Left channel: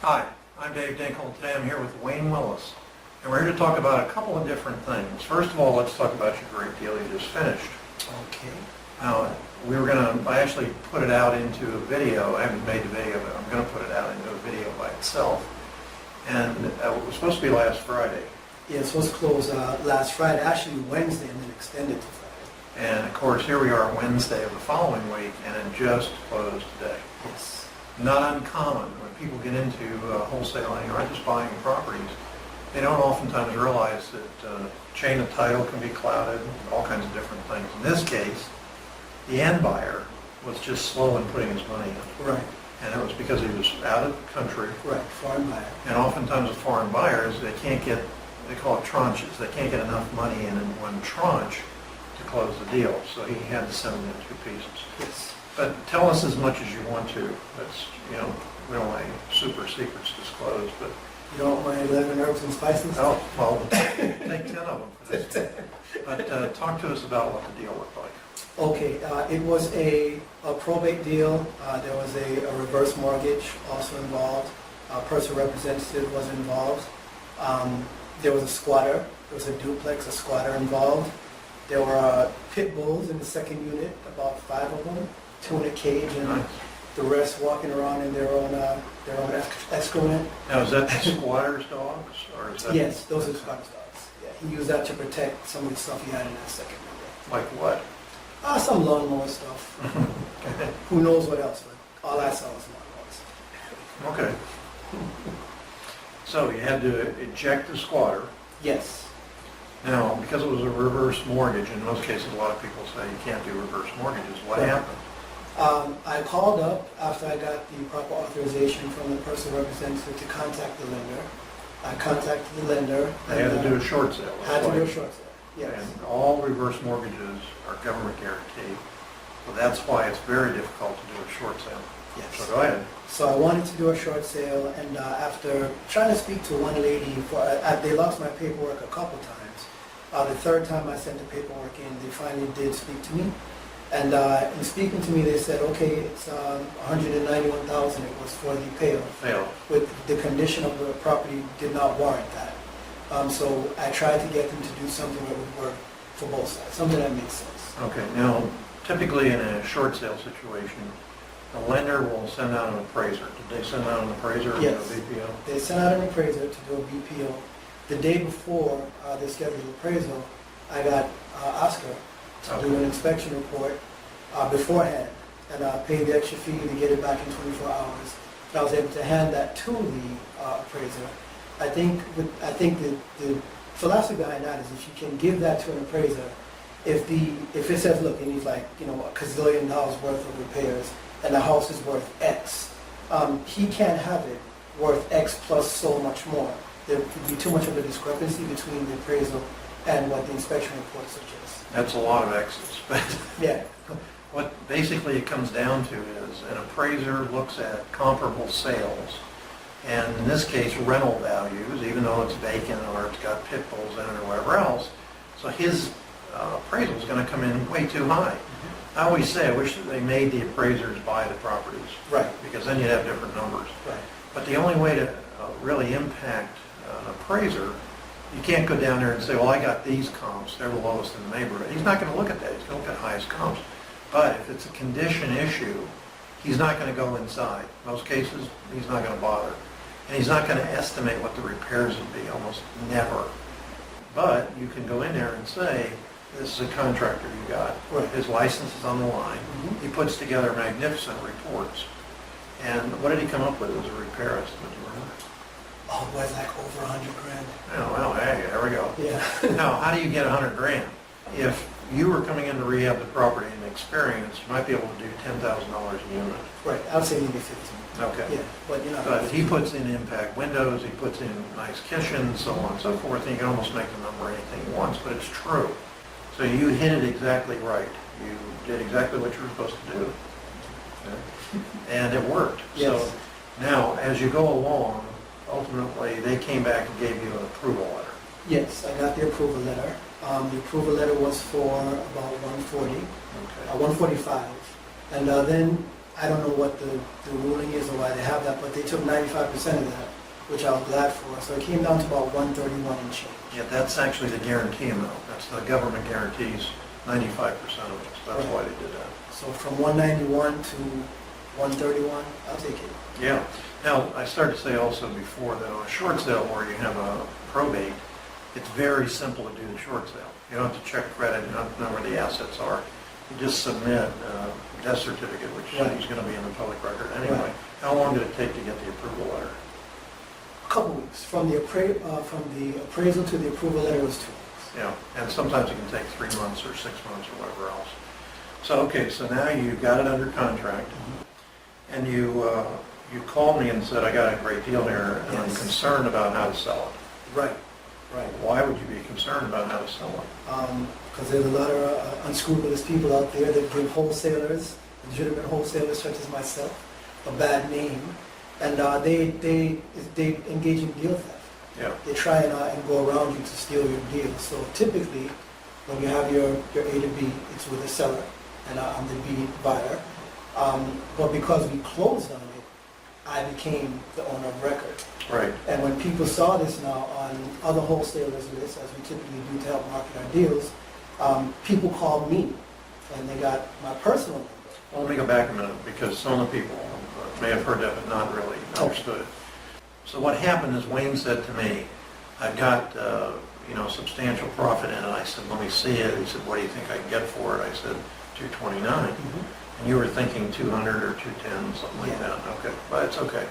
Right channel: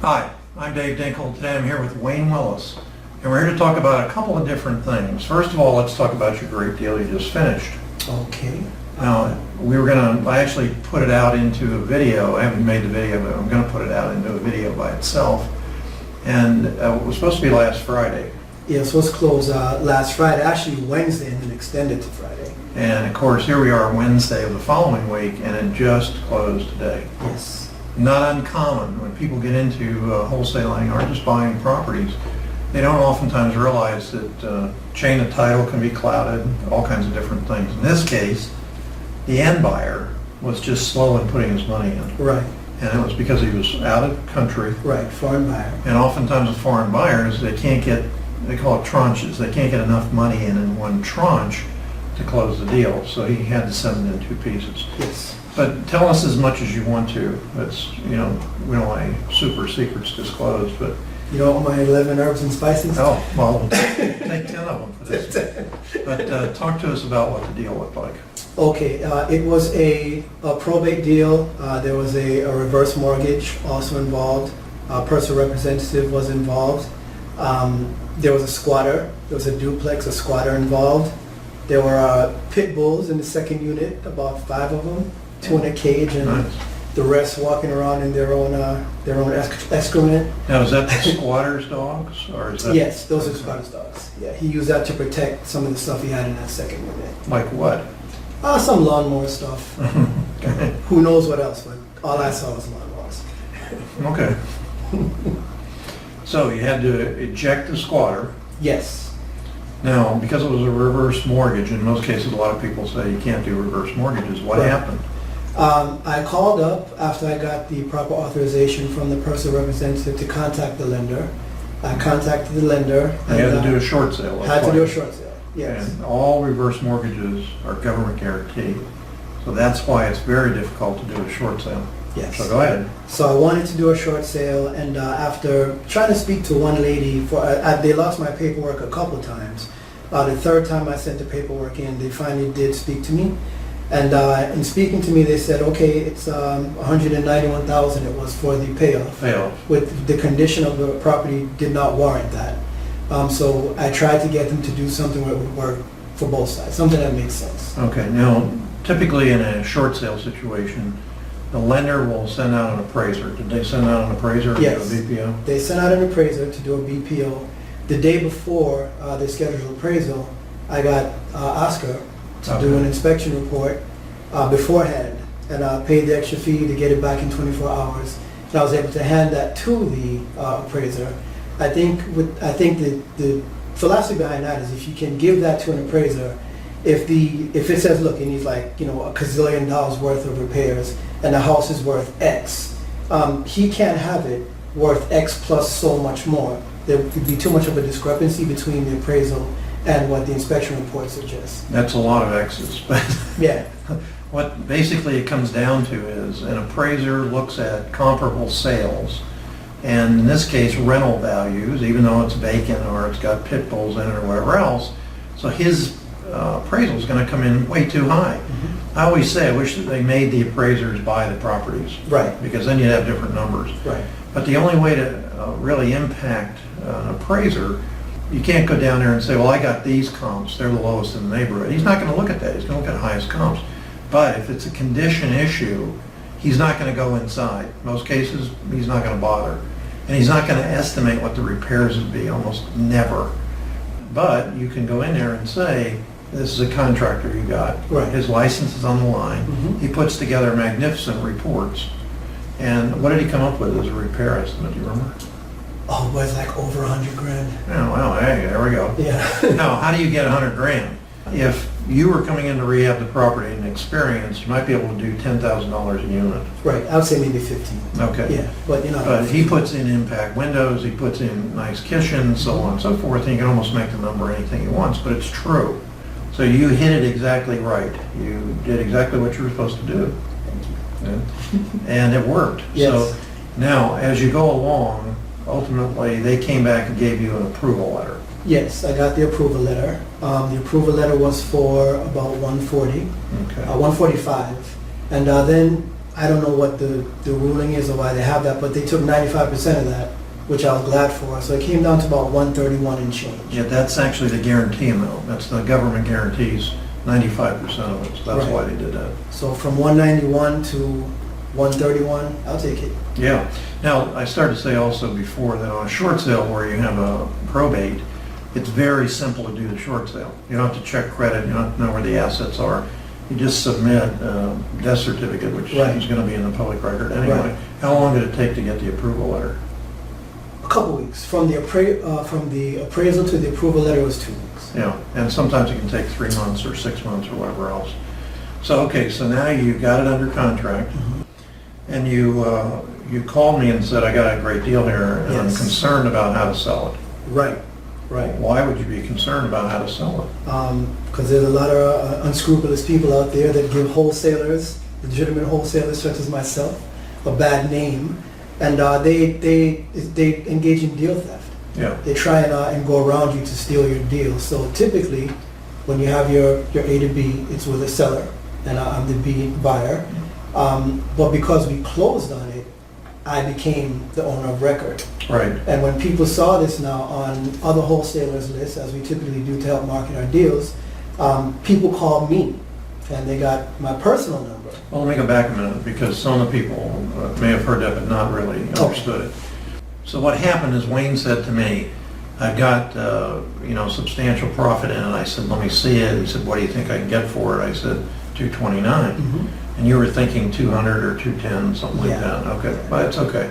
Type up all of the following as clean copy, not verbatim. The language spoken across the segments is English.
Hi, I'm Dave Dinkel. Today I'm here with Wayne Willis, and we're here to talk about a couple of different things. First of all, let's talk about your great deal you just finished. Okay. Now, I actually put it out into a video. I haven't made the video, but I'm going to put it out into a video by itself. And it was supposed to be last Friday. Yeah, so it's closed last Friday, actually Wednesday, and then extended to Friday. And of course, here we are Wednesday of the following week, and it just closed today. Yes. Not uncommon when people get into wholesaling or just buying properties. They don't oftentimes realize that chain of title can be clouded, all kinds of different things. In this case, the end buyer was just slow in putting his money in. Right. And it was because he was out of country. Right, foreign buyer. And oftentimes with foreign buyers, they call it tranches. They can't get enough money in one tranche to close the deal. So he had to send it in two pieces. Yes. But tell us as much as you want to. That's, we don't want any super secrets disclosed, but. You don't want my 11 herbs and spices? Oh, well, we'll take 10 of them for this. But talk to us about what the deal looked like. Okay, it was a probate deal. There was a reverse mortgage also involved. A personal representative was involved. There was a squatter. There was a duplex, a squatter involved. There were pit bulls in the second unit, about 5 of them, 2 in a cage, and Nice. the rest walking around in their own excrement. Now, is that the squatter's dogs, or is that? Yes, those are squatter's dogs. Yeah, he used that to protect some of the stuff he had in that second unit. Like what? Some lawnmower stuff. Okay. Who knows what else, but all I saw was lawnmowers. Okay. So you had to eject the squatter. Yes. Now, because it was a reverse mortgage, in most cases, a lot of people say you can't do reverse mortgages. What Right. happened? I called up after I got the proper authorization from the personal representative to contact the lender. I contacted the lender. They had to do a short sale. Had to do a short sale, yes. And all reverse mortgages are government guaranteed. So that's why it's very difficult to do a short sale. Yes. So go ahead. So I wanted to do a short sale, and after trying to speak to one lady, they lost my paperwork a couple times. The third time I sent the paperwork in, they finally did speak to me. And in speaking to me, they said, okay, it's $191,000 it was for the payoff. Fail. With the condition of the property did not warrant that. So I tried to get them to do something that would work for both sides, something that makes sense. Okay, now, typically in a short sale situation, the lender will send out an appraiser. Did they send out an appraiser or Yes. a BPO? They sent out an appraiser to do a BPO. The day before they scheduled appraisal, I got Oscar to do an inspection report beforehand, and I paid the extra fee to get it back in 24 hours. And I was able to hand that to the appraiser. I think the philosophy behind that is if you can give that to an appraiser, if it says, look, it needs like $1 gazillion worth of repairs, and the house is worth X, he can't have it worth X plus so much more. There would be too much of a discrepancy between the appraisal and what the inspection report suggests. That's a lot of X's, but Yeah. what basically it comes down to is an appraiser looks at comparable sales, and in this case rental values, even though it's vacant or it's got pit bulls in it or whatever else, so his appraisal is going to come in way too high. Mm-hmm. I always say I wish that they made the appraisers buy the properties, Right. because then you'd have different numbers. Right. But the only way to really impact an appraiser, you can't go down there and say, well, I got these comps, they're the lowest in the neighborhood. He's not going to look at that. He's going to look at the highest comps. But if it's a condition issue, he's not going to go inside. Most cases, he's not going to bother. And he's not going to estimate what the repairs would be, almost never. But you can go in there and say, this is a contractor you got. Right. His license is on the line. Mhm. He puts together magnificent reports. And what did he come up with as a repair estimate, do you remember? Oh, boy, it's like over $100,000. Oh, well, hey, there we go. Yeah. Now, how do you get $100,000? If you were coming in to rehab the property and experience, you might be able to do $10,000 a unit. Right. I would say maybe 15. Okay. Yeah, but But he puts in impact windows, he puts in nice kitchens, so on and so forth, and you can almost make the number anything he wants, but it's true. So you hit it exactly right. You did exactly what you were supposed to do. Yeah. And it worked. Yes. So now, as you go along, ultimately, they came back and gave you an approval letter. Yes, I got the approval letter. The approval letter was for about 140, Okay. 145, and then I don't know what the ruling is or why they have that, but they took 95% of that, which I was glad for. So it came down to about 131 and change. Yeah, that's actually the guarantee amount. That's the government guarantees 95% of it, so that's Right. why they did that. So from 191 to 131, I'll take it. Yeah. Now, I started to say also before that on a short sale where you have a probate, it's very simple to do the short sale. You don't have to check credit, you don't have to know where the assets are. You just submit a death certificate, which Right. is going to be in the public record anyway. Right. How long did it take to get the approval letter? A couple weeks. From the appraisal to the approval letter was 2 weeks. Yeah, and sometimes it can take 3 months or 6 months or whatever else. So, okay, so now you got it under contract, and you called me and said, I got a great deal here, and I'm Yes. concerned about how to sell it. Right, right. Why would you be concerned about how to sell it? Because there's a lot of unscrupulous people out there that give wholesalers, legitimate wholesalers such as myself, a bad name, and they engage in deal theft. Yeah, They try and go around you to steal your deal. So typically, when you have your A to B, it's with a seller, and I'm the B buyer. But because we closed on it, I became the owner of record. right. And when people saw this now on other wholesalers' lists, as we typically do to help market our deals, people called me, and they got my personal number. Well, let me go back a minute, because some of the people may have heard that but not really understood it. So what happened is Wayne said to me, I've got, substantial profit in it. I said, let me see it. He said, what do you think I can get for it? I said, 229. And you were thinking 200 or 210, something like Yeah. that. Okay, but it's okay.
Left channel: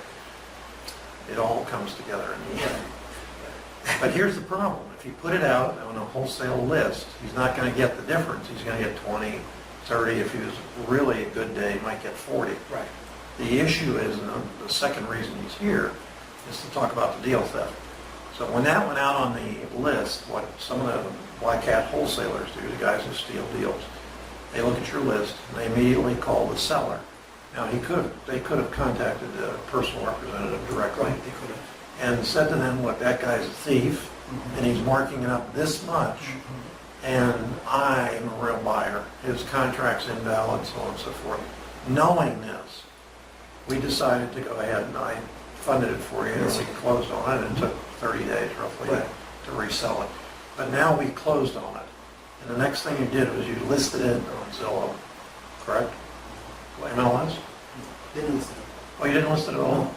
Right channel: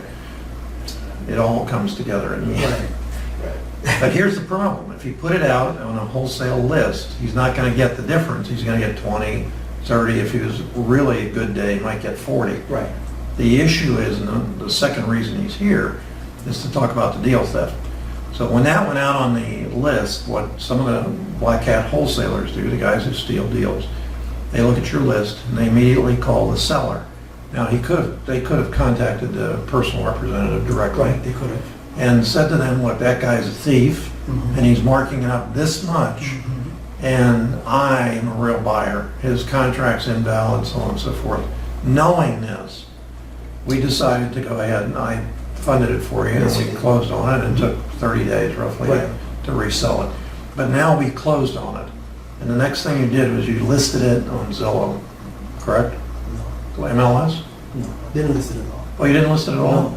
It all comes together in the end. Right. But here's the problem. If you put it out on a wholesale list, he's not going to get the difference. He's going to get 20, 30. If he was really a good day, he might get 40. Right. The issue is, and the second reason he's here, is to talk about the deal theft. So when that went out on the list, what some of the black hat wholesalers do, the guys who steal deals, they look at your list and they immediately call the seller. Now they could have contacted the personal representative directly Right, they could have. and said to them, look, that guy's a thief and he's marking it up this much, and I am a real buyer. His contract's invalid, so on and so forth. Knowing this, we decided to go ahead and I funded it for you, and Yes, we you did. closed on it. It took 30 days roughly Right. to resell it. But now we closed on it. And the next thing you did was you listed it on Zillow, correct? MLS? No, didn't list it at all. Oh, you didn't list it at all? No.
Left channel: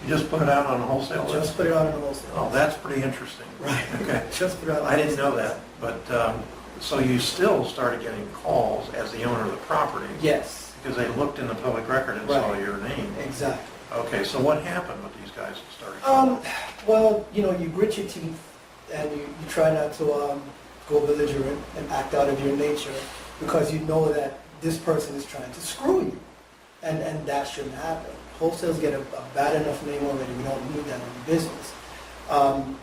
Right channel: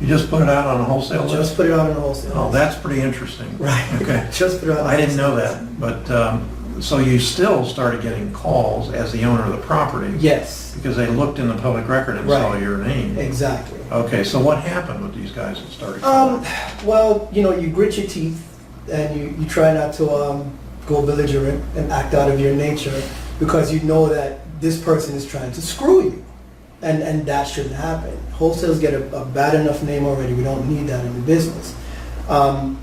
You just put it out on a wholesale list? Just put it out on the wholesale. Oh, list. that's pretty interesting. Right. Okay. Just put it out. on the I didn't know wholesale that, but, so you still started getting calls as the owner of the property? list. Yes, Because they looked in the public record and saw Right. your name? exactly. Okay, so what happened with these guys that started calling? Well, you grit your teeth and you try not to go belligerent and act out of your nature, because you know that this person is trying to screw you, and that shouldn't happen. Wholesales get a bad enough name already. We don't need that in the business. And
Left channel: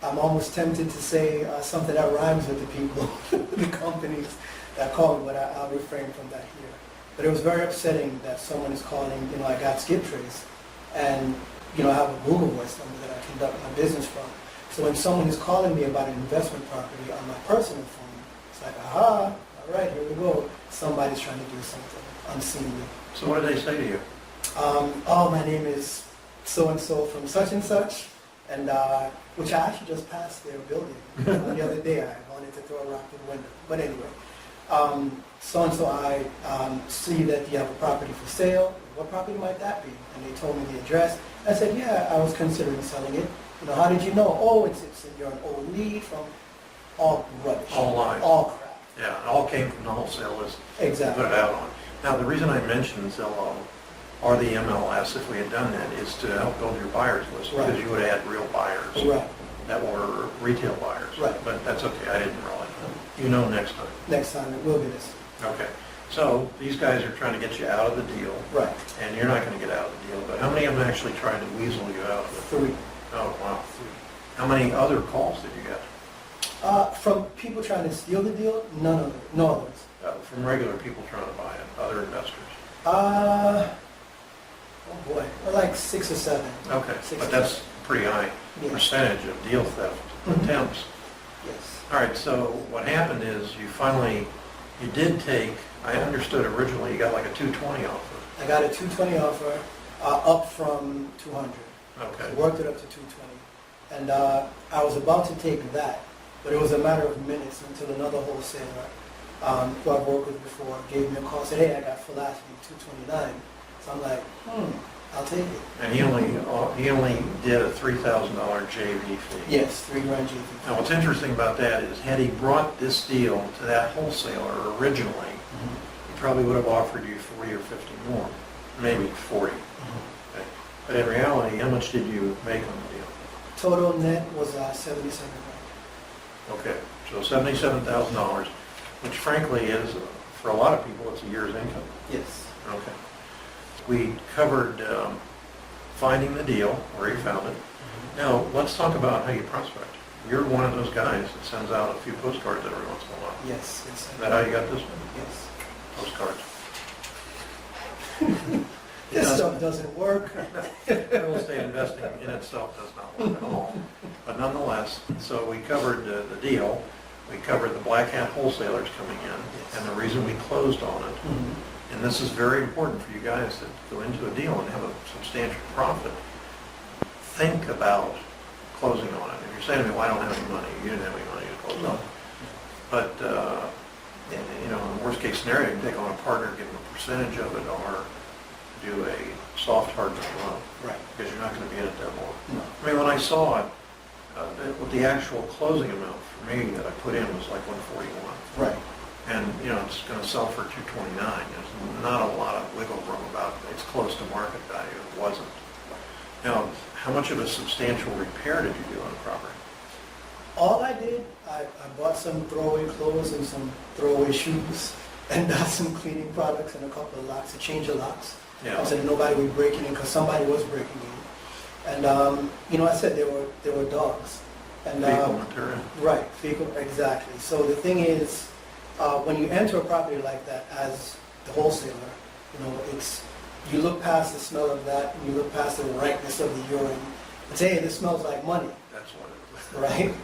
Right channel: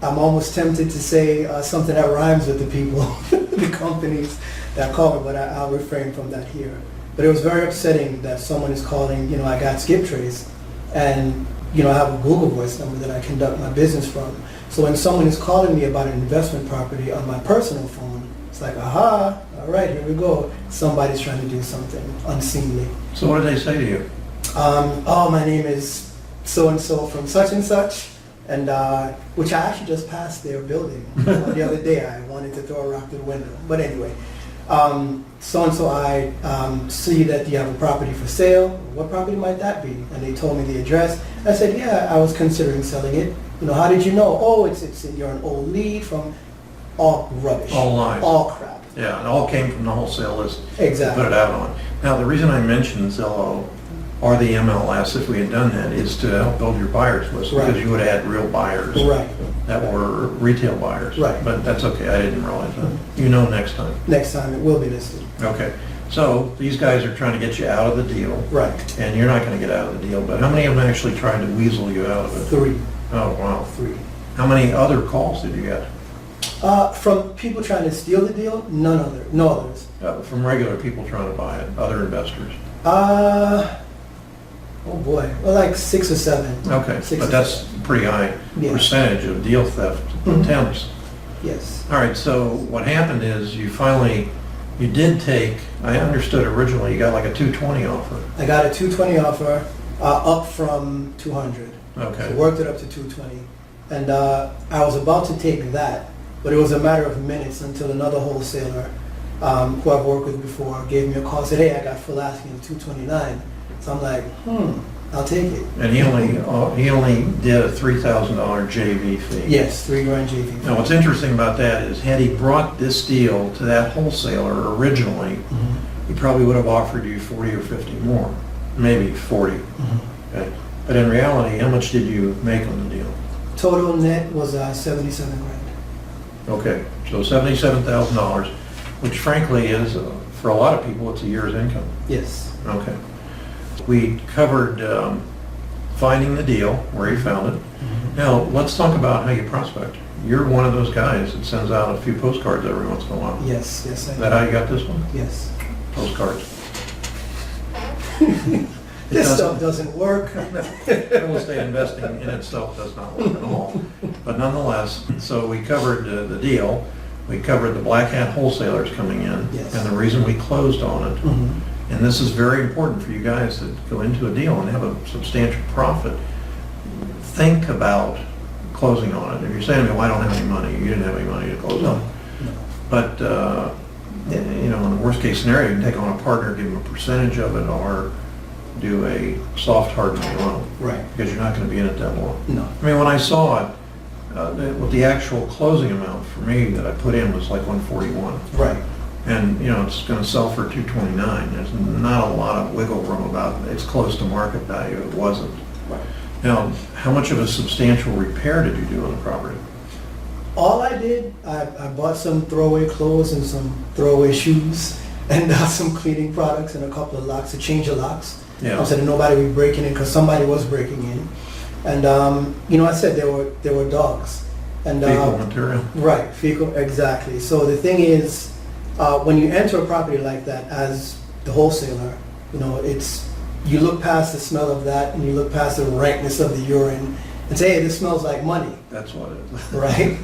I'm almost tempted to say something that rhymes with the people, the companies that call me, but I'll refrain from that here. But it was very upsetting that someone is calling, I got skip trace, and, I have a Google Voice number that I conduct my business from. So when someone is calling me about an investment property on my personal phone, it's like, aha, all right, here we go. Somebody's trying to do something unseemly. So what did they say to you? Oh, my name is so-and-so from such and such, and which I actually just passed their building the other day. I wanted to throw a rock through the window. But anyway, so-and-so, I see that you have a property for sale. What property might that be? And they told me the address. I said, yeah, I was considering selling it. How did you know? Oh, you're an old lead from all rubbish. All lies. All crap. Yeah, it all came from the wholesale list. Exactly. You put it out on. Now, the reason I mentioned Zillow or the MLS, if we had done that, is to help build your buyers list, Right. because you would have had real buyers Right. that were retail buyers. Right. But that's okay, I didn't realize that. You know next time. Next time it will be listed. Okay, so these guys are trying to get you out of the deal, Right. and you're not going to get out of the deal, but how many of them actually tried to weasel you out of it? 3. Oh, wow. 3. How many other calls did you get? From people trying to steal the deal, no others. From regular people trying to buy it, other investors? Oh boy, well, like 6 or 7. Okay, 6 but or that's 7. a pretty high Yeah. percentage of deal theft Mhm. attempts. Yes. All right, so what happened is you finally You did take, I understood originally, you got like a 220 offer. I got a 220 offer, up from 200. Okay. So worked it up to 220. And I was about to take that, but it was a matter of minutes until another wholesaler, who I've worked with before, gave me a call, said, hey, I got full asking 229. So I'm like, I'll take it. And he only did a $3,000 JV fee. Yes, $3,000 JV. Now, what's interesting about that is, had he brought this deal to that wholesaler originally, he probably would have offered you 40 or 50 more, maybe 40. Okay. But in reality, how much did you make on the deal? Total net was 77 grand. Okay, so $77,000, which frankly is, for a lot of people, it's a year's income. Yes. Okay. We covered finding the deal, where you found it. Now, let's talk about how you prospect. You're one of those guys that sends out a few postcards every once in a while. Yes, yes. Is that how you got this one? Yes. Postcards. This stuff doesn't work. Real estate investing in itself does not work at all. But nonetheless, so we covered the deal. We covered the black hat wholesalers coming in, Yes. and the reason we closed on it. And this is very important for you guys that go into a deal and have a substantial profit. Think about closing on it. If you're saying to me, well, I don't have any money, you didn't have any money to close on. But, you know, in the worst case scenario, you can take on a partner, give them a percentage of it, or do a soft hardening loan. Right. Because you're not going to be in it that long. No. I mean, when I saw it, what the actual closing amount for me that I put in was like 141. Right. And, you know, it's going to sell for 229. There's not a lot of wiggle room about it. It's close to market value. It wasn't. Right. Now, how much of a substantial repair did you do on the property? All I did, I bought some throwaway clothes and some throwaway shoes and some cleaning products and a couple of locks, a change of locks. Yeah. I said nobody would be breaking in because somebody was breaking in. And, you know, I said there were dogs. And, Fecal material. Right, fecal, exactly. So the thing is, when you enter a property like that as the wholesaler, you know, you look past the smell of that and you look past the rankness of the urine and say, hey, this smells like money. That's what it is. Right?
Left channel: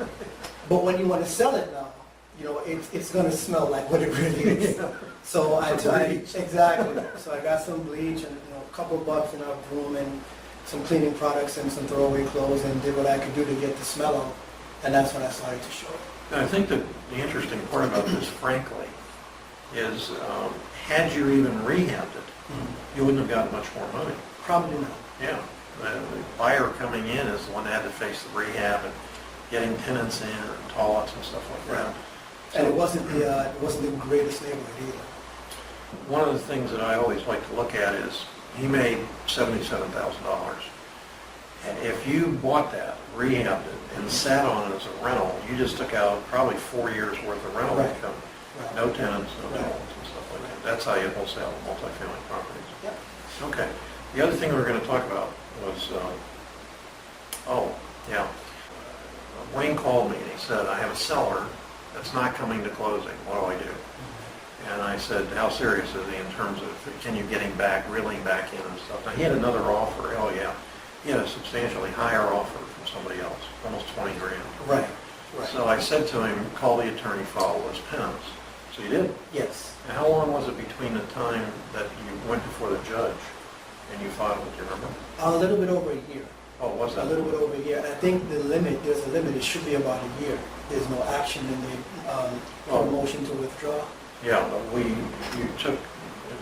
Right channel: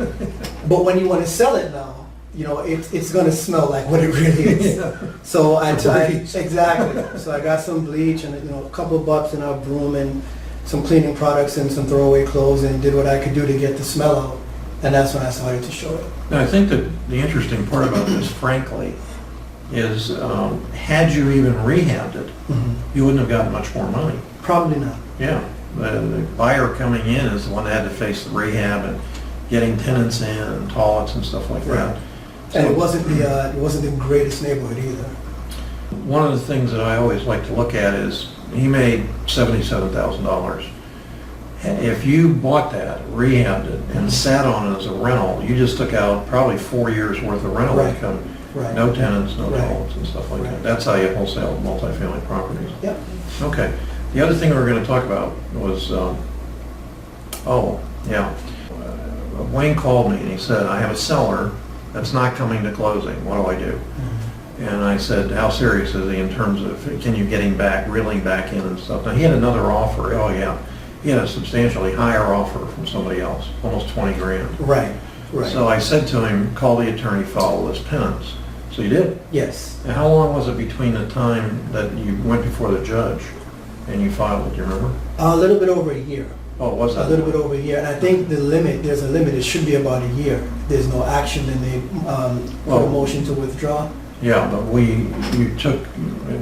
But when you want to sell it now, you know, it's going to smell like what it really is. Yeah. So I Bleach. exactly. So I got some bleach and, you know, a couple of bucks in our broom and some cleaning products and some throwaway clothes and did what I could do to get the smell out. And that's when I started to show it. Now, I think that the interesting part about this, frankly, is had you even rehabbed it, you wouldn't have gotten much more money. Probably not. Yeah. The buyer coming in is the one that had to face the rehab and getting tenants in and toilets and stuff like that. And So- it wasn't the greatest neighborhood either. One of the things that I always like to look at is he made $77,000. If you bought that, rehabbed it, and sat on it as a rental, you just took out probably 4 years worth of rental Right. income. Right. No tenants, no Right. toilets and stuff like Right. that. That's how you wholesale multifamily properties. Yep. Okay. The other thing we were going to talk about was, Wayne called me and he said, I have a seller that's not coming to closing. What do I do? And I said, how serious is he in terms of, can you get him back, reeling back in and stuff? Now, he had another offer. Oh, yeah. He had a substantially higher offer from somebody else, almost 20 grand. Right. Right. So I said to him, call the attorney, file this penance. So you did. Yes. And how long was it between the time that you went before the judge and you filed it? Do you remember? A little bit over a year. Oh, was that? A little bit over a year. And I think there's a limit. It should be about a year. If there's no action, then they put a motion to withdraw. Yeah, but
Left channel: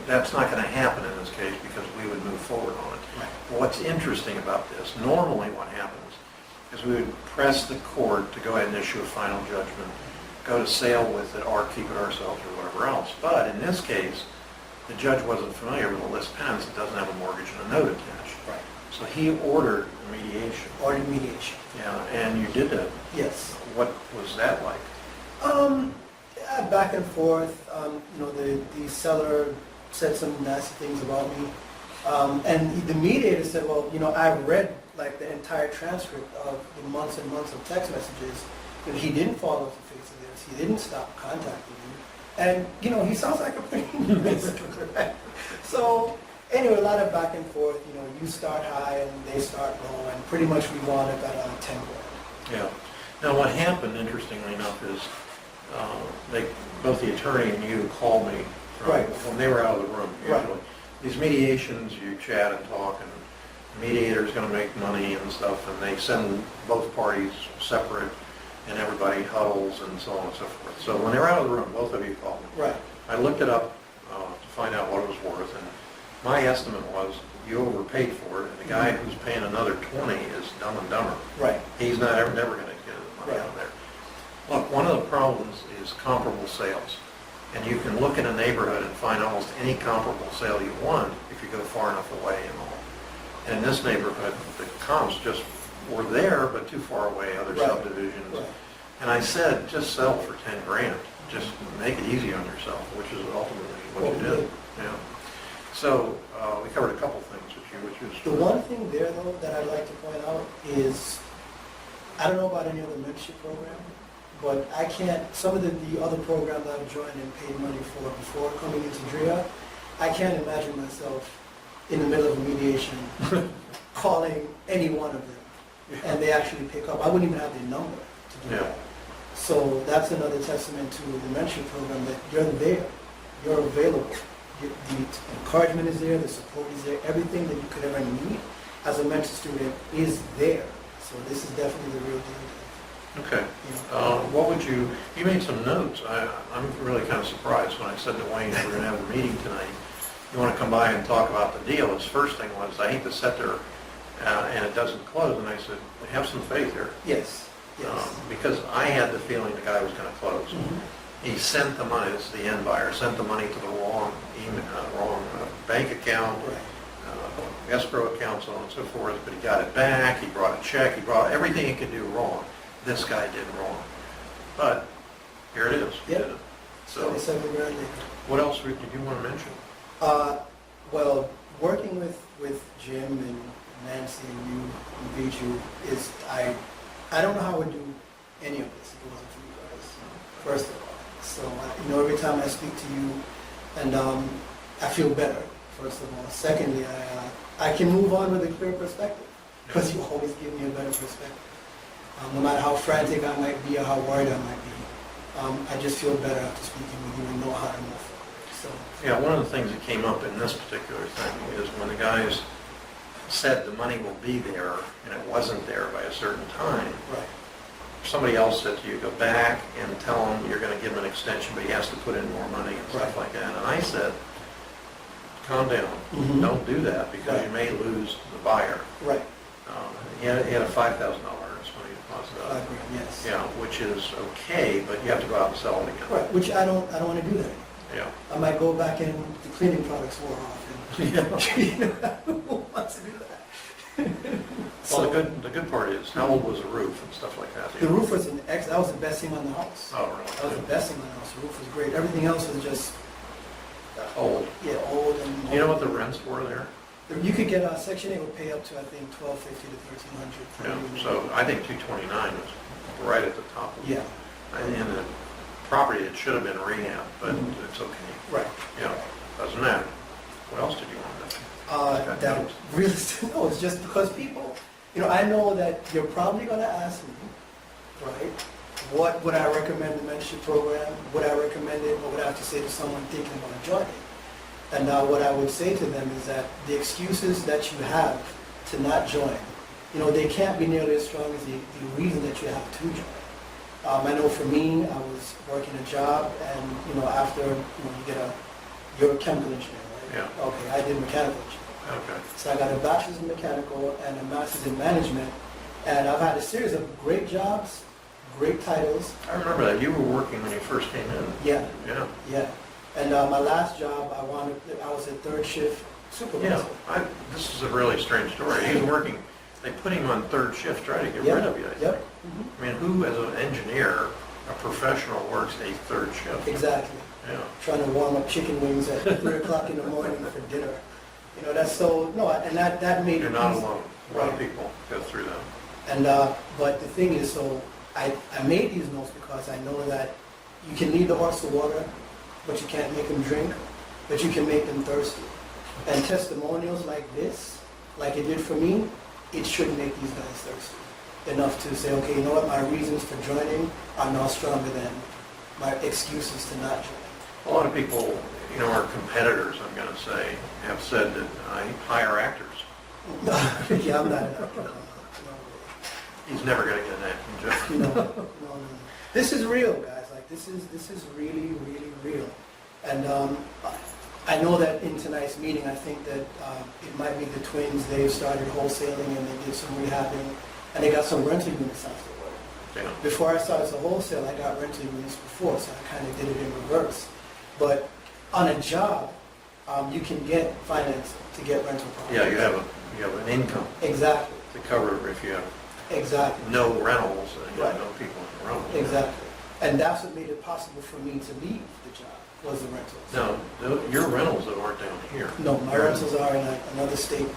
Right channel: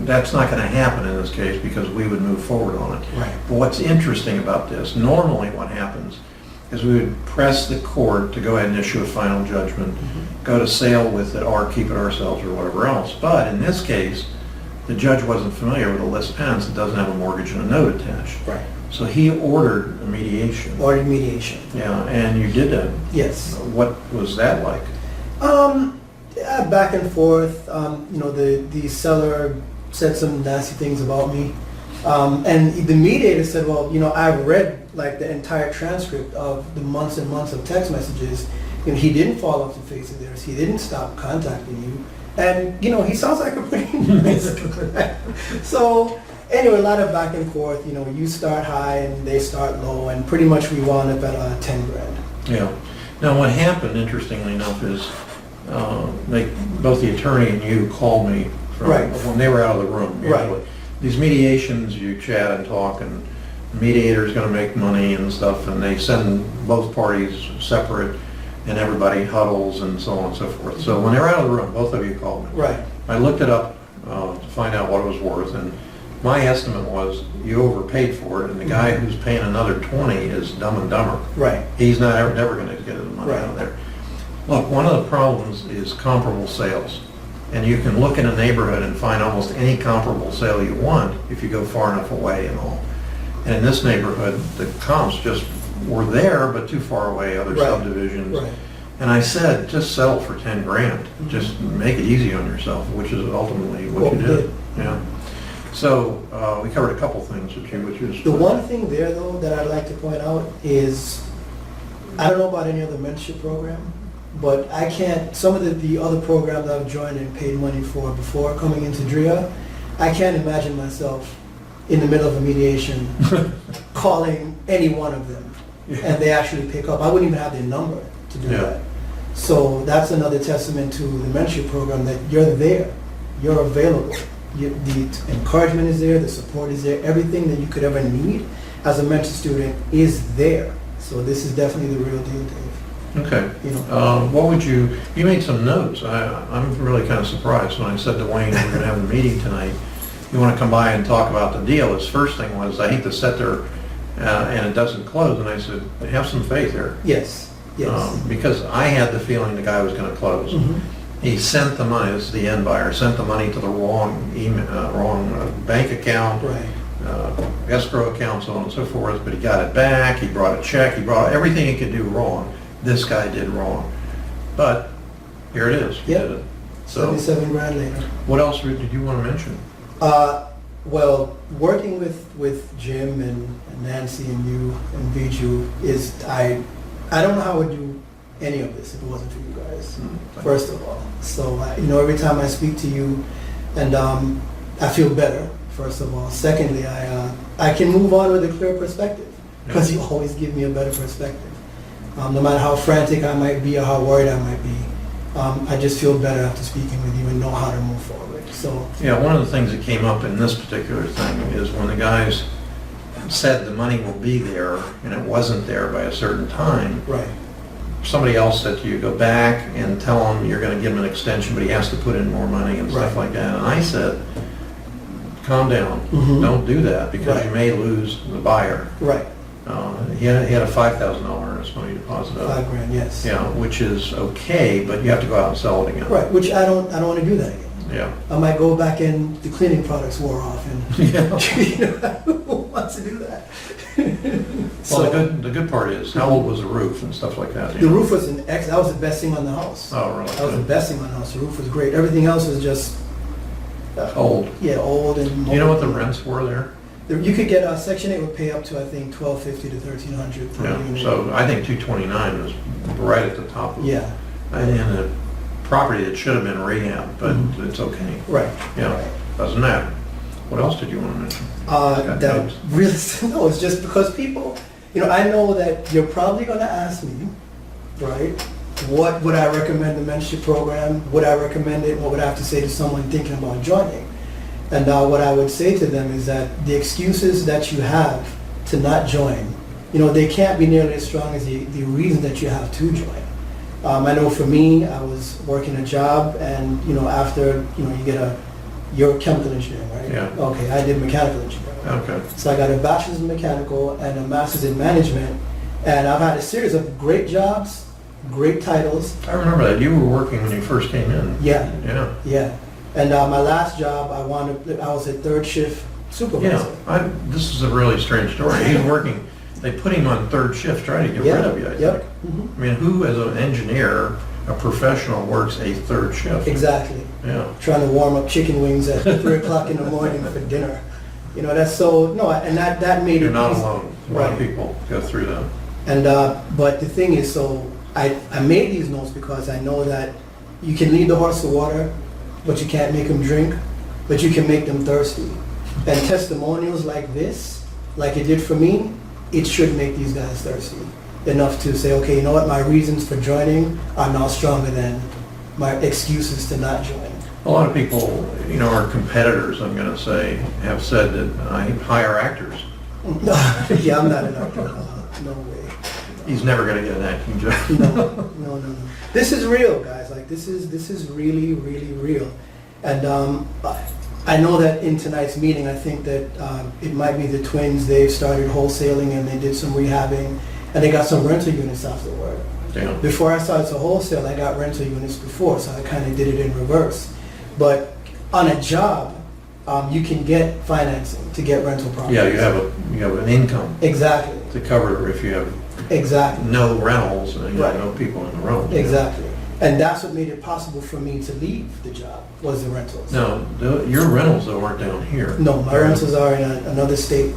that's not going to happen in this case because we would move forward on it. Right. But what's interesting about this, normally what happens is we would press the court to go ahead and issue a final judgment, go to sale with it or keep it ourselves or whatever else. But in this case, the judge wasn't familiar with a list penance that doesn't have a mortgage and a note attached. Right. So he ordered a mediation. Ordered mediation. Yeah, and you did that. Yes. What was that like? Yeah, back and forth. You know, the seller said some nasty things about me. And the mediator said, well, you know, I've read like the entire transcript of the months and months of text messages. You know, he didn't fall off the face of the earth. He didn't stop contacting you. And, you know, he sounds like a pretty nice guy. So, anyway, a lot of back and forth. You know, you start high and they start low. And pretty much we wound up at 10 grand. Yeah. Now what happened, interestingly enough, is both the attorney and you called me from, Right. when they were out of the room. Right. Usually. These mediations, you chat and talk, and the mediator's going to make money and stuff, and they send both parties separate, and everybody huddles and so on and so forth. So when they were out of the room, both of you called me. Right. I looked it up to find out what it was worth, and my estimate was you overpaid for it, and the guy who's paying another 20 is Dumb and Dumber. Right. He's not never going to get his money out of there. Look, one of the problems is comparable sales. And you can look in a neighborhood and find almost any comparable sale you want if you go far enough away and all. And in this neighborhood, the comps just were there, but too far away, other Right. subdivisions. Right. And I said, just settle for 10 grand. Just make it easy on yourself, which is ultimately what you we did. Yeah. So we covered a couple things with you, which is... The one thing there, though, that I'd like to point out is, I don't know about any other mentorship program, but I can't, some of the other programs I've joined and paid money for before coming into DREA, I can't imagine myself in the middle of a mediation calling any one of them, and they actually pick up. I wouldn't even have their number to do that. So that's another testament to the mentorship program, that you're there, you're available. The encouragement is there, the support is there, everything that you could ever need as a mentor student is there. So this is definitely the real deal, Dave. Okay. You know. What would you made some notes. I'm really kind of surprised when I said to Wayne, we're going to have a meeting tonight. You want to come by and talk about the deal. His first thing was, I hate to sit there and it doesn't close. And I said, have some faith here. Yes, yes. Because I had the feeling the guy was going to close. Mhm. He sent the money, this is the end buyer, sent the money to the wrong bank account, Right. escrow account, so on and so forth, but he got it back, he brought a check, he brought everything he could do wrong. This guy did wrong. But here it is, he Yep. did it. So 77 grand later. what else did you want to mention? Well, working with Jim and Nancy and you and Viju is, I don't know how I would do any of this if it wasn't for you guys, first of all. So, every time I speak to you, and I feel better, first of all. Secondly, I can move on with a clear perspective, because you always give me a better perspective. No matter how frantic I might be or how worried I might be, I just feel better after speaking with you and know how to move forward. So Yeah, one of the things that came up in this particular thing is when the guys said the money will be there and it wasn't there by a certain time, right, somebody else said to you, go back and tell him you're going to give him an extension, but he has to put in more money and stuff Right. like that. And I said, calm down. Mhm. Don't do that because Right. you may lose the buyer. right, He had a $5,000 earnest money deposit. $5 grand, yes. Yeah, which is okay, but you have to go out and sell it again. Right, which I don't want to do that again. Yeah. I might go back and the cleaning products wore off, and Yeah. who wants to do that? Well, the good part is, how old was the roof and stuff like that? The roof was that was the best thing on the house. Oh, really? That was the best thing on the house. The roof was great. Everything else was just Old. Yeah, old and. Do you know what the rents were there? You could get Section 8 would pay up to, I think, $1,250 to $1,300 per Yeah, unit. so I think 229 was right at the top of it. Yeah, And a property that should have been rehab, but Mhm. it's okay. right. Yeah, Right. doesn't matter. What else did you want to mention? Got That notes? really, no, it's just because people, I know that you're probably gonna ask me, right? What would I recommend the mentorship program? Would I recommend it? What would I have to say to someone thinking about joining? And what I would say to them is that the excuses that you have to not join, they can't be nearly as strong as the reason that you have to join. I know for me, I was working a job and, after, you're a chemical engineer, right? Yeah. Okay, I did mechanical engineering. Okay. So I got a bachelor's in mechanical and a master's in management. And I've had a series of great jobs, great titles. I remember that. You were working when you first came in. Yeah, Yeah. yeah. And my last job, I was a third shift supervisor. Yeah. This is a really strange story. He's working, they put him on third shift, trying to get Yeah, rid of you, I think. yep. Mhm. I mean, who as an engineer, a professional, works a third shift? Exactly. Yeah. Trying to warm up chicken wings at 3 o'clock in the morning for dinner. That's so, no, and that made it You're not easy. alone. A lot of Right. people go through that. And, but the thing is, so I made these notes because I know that you can lead the horse to water, but you can't make them drink, but you can make them thirsty. And testimonials like this, like it did for me, it should make these guys thirsty enough to say, okay, you know what, my reasons for joining are now stronger than my excuses to not join. A lot of people, our competitors, I'm going to say, have said that I hire actors. Yeah, I'm not an actor. No way. He's never going to get an acting job. No. This is real, guys. Like this is really, really real. And I know that in tonight's meeting, I think that it might be the twins. They've started wholesaling and they did some rehabbing, and they got some rental units afterward. Yeah. Before I started to wholesale, I got rental units before, so I kind of did it in reverse. But on a job, you can get financing to get rental properties. Yeah, you have an income Exactly. to cover if you have Exactly. no rentals and Right. no people in the room. Exactly. And that's what made it possible for me to leave the job, was the rentals. No, your rentals though aren't down here. No, my rentals are in another state.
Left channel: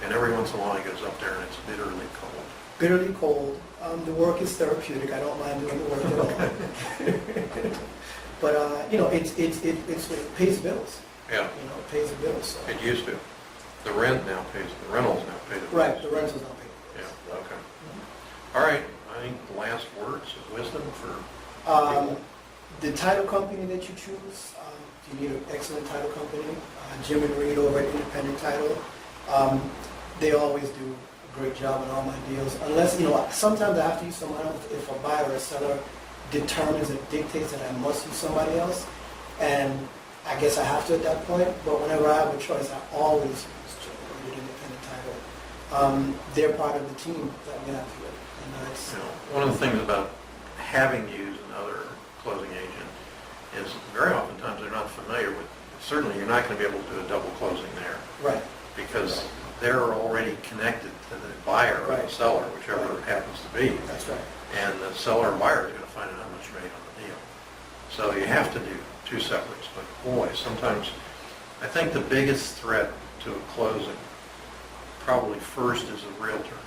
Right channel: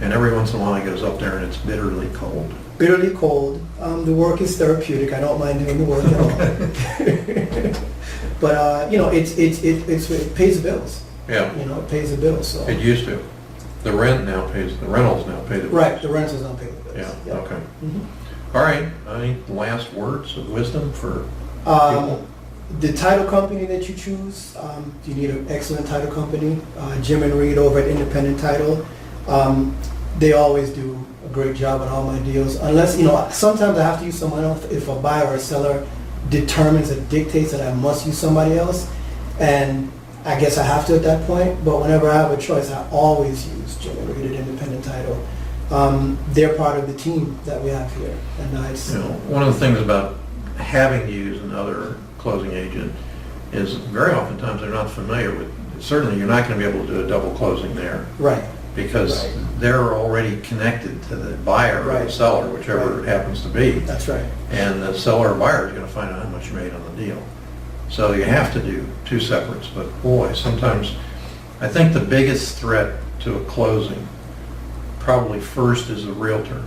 And every once in a while he goes up there and it's bitterly cold. Bitterly cold. The work is therapeutic. I don't mind doing the work at all. But it pays the bills. Yeah, It pays the bills. So it used to. The rentals now pay the bills. right, the rentals don't pay the bills. Yeah, okay. Mhm. All right, I think the last words of wisdom for Um, people. the title company that you choose, you need an excellent title company. Jim and Reed over at Independent Title, they always do a great job on all my deals. Unless, sometimes I have to use someone else if a buyer or a seller determines or dictates that I must use somebody else. And I guess I have to at that point, but whenever I have a choice, I always use Jim and Reed at Independent Title. They're part of the team that we have here. And it's, One of the things about having to use another closing agent is very oftentimes they're not familiar with, certainly you're not going to be able to do a double closing there right. because Right. they're already connected to the buyer or the Right. seller, whichever Right. it happens to be. That's right. And the seller or buyer is going to find out how much you made on the deal. So you have to do two separates, but boy, sometimes I think the biggest threat to a closing probably first is the realtor.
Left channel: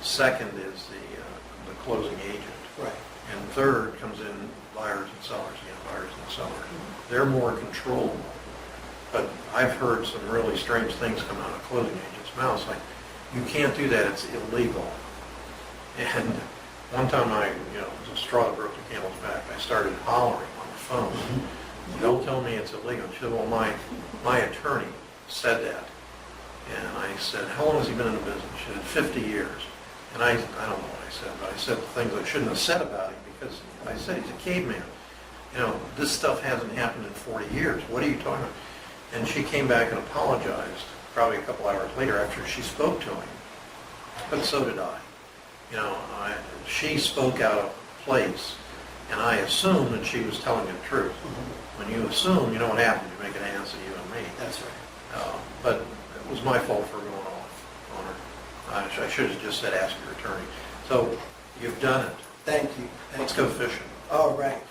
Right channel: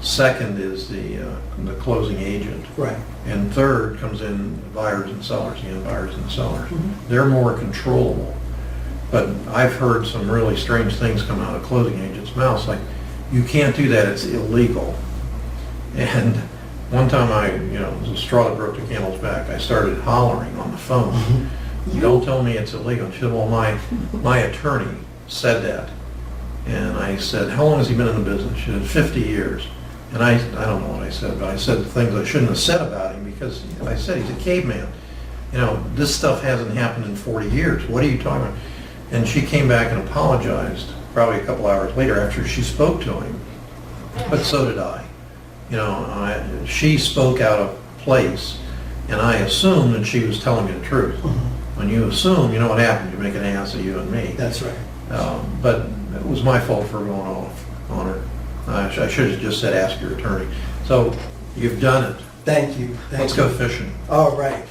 Second is the closing agent. Right. And third comes in buyers and sellers, buyers and sellers. Mhm. They're more controllable. But I've heard some really strange things come out of closing agents' mouths, like, you can't do that, it's illegal. And one time it was a straw that broke the camel's back. I started hollering on the phone. Don't tell me it's illegal. She said, well, my attorney said that. And I said, how long has he been in the business? She said, 50 years. And I don't know what I said, but I said things I shouldn't have said about him because I said he's a caveman. This stuff hasn't happened in 40 years. What are you talking about? And she came back and apologized probably a couple hours later after she spoke to him. But so did I. She spoke out of place, and I assumed that she was telling me the truth. When you assume, you know what happens, you make an ass of you and me. That's right. But it was my fault for going off on her. I should have just said, ask your attorney. So you've done it. Thank you. Let's go fishing. All right.